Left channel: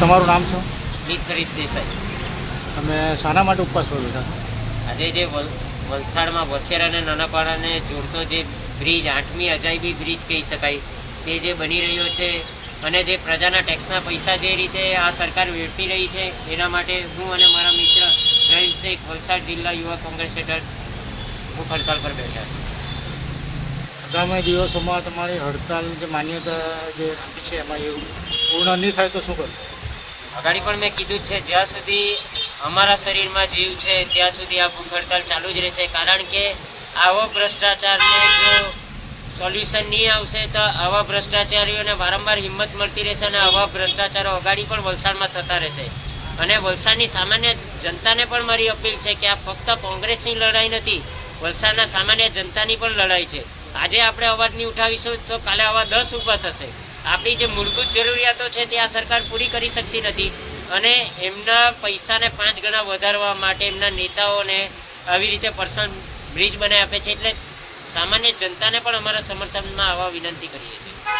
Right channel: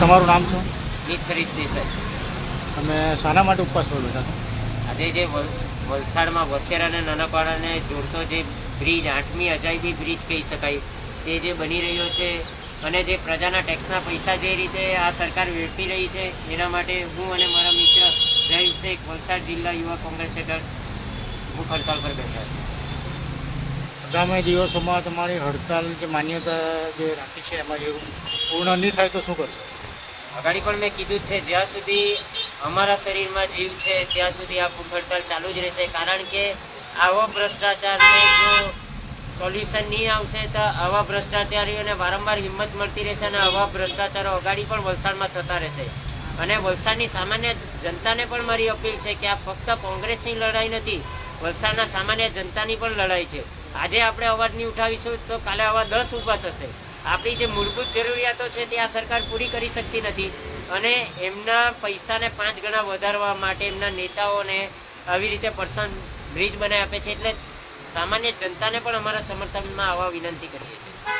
તમારું નામ શું? મિત દેસાઈ. તમે શાના માટે ઉપવાસ પર બેઠા છો? આજે જે વલસાડમાં વસેર અને નાનાપાડાને જોડતો જે બ્રિજ, 8મી અજાયબી બ્રિજ કહી શકાય, તે જે બની રહ્યો છે અને જે પ્રજાના ટેક્સના પૈસા જે રીતે આ સરકાર વેડફી રહી છે, એના માટે હું અને મારા મિત્ર જહીર શેખ વલસાડ જિલ્લા યુવા કોંગ્રેસ હેઠળ ભૂખ હડતાલ પર બેઠા છે. આગામી દિવસોમાં તમારી હડતાલ જે માન્યતા જે રાખી છે એમાં એવું પૂર્ણ નહીં થાય તો શું કરશો? અગાડી પણ મેં કીધું જ છે, જ્યાં સુધી અમારા શરીરમાં જીવ છે ત્યાં સુધી આ ભૂખ હડતાલ ચાલુ જ રહેશે. કારણ કે આવો ભ્રષ્ટાચારને જો સોલ્યુશન નહીં આવશે તો આવા ભ્રષ્ટાચારીઓને વારંવાર હિંમત મળતી રહેશે અને આવા ભ્રષ્ટાચારો અગાડી પણ વલસાડમાં થતા રહેશે. અને વલસાડની સામાન્ય જનતાને પણ મારી અપીલ છે કે આ ફક્ત કોંગ્રેસની લડાઈ નથી, વલસાડના સામાન્ય જનતાની પણ લડાઈ છે. આજે આપણે અવાજ નહીં ઉઠાવીશું તો કાલે આવા 10 ઊભા થશે. આપણી જે મૂળભૂત જરૂરિયાતો છે તે આ સરકાર પૂરી કરી શકતી નથી અને એમના પૈસાને 5 ગણા વધારવા માટે એમના નેતાઓને આવી રીતે પર્સનલ બ્રિજ બનાવી આપે છે. એટલે સામાન્ય જનતાને પણ અમારા સમર્થનમાં આવવા વિનંતી કરીએ છીએ.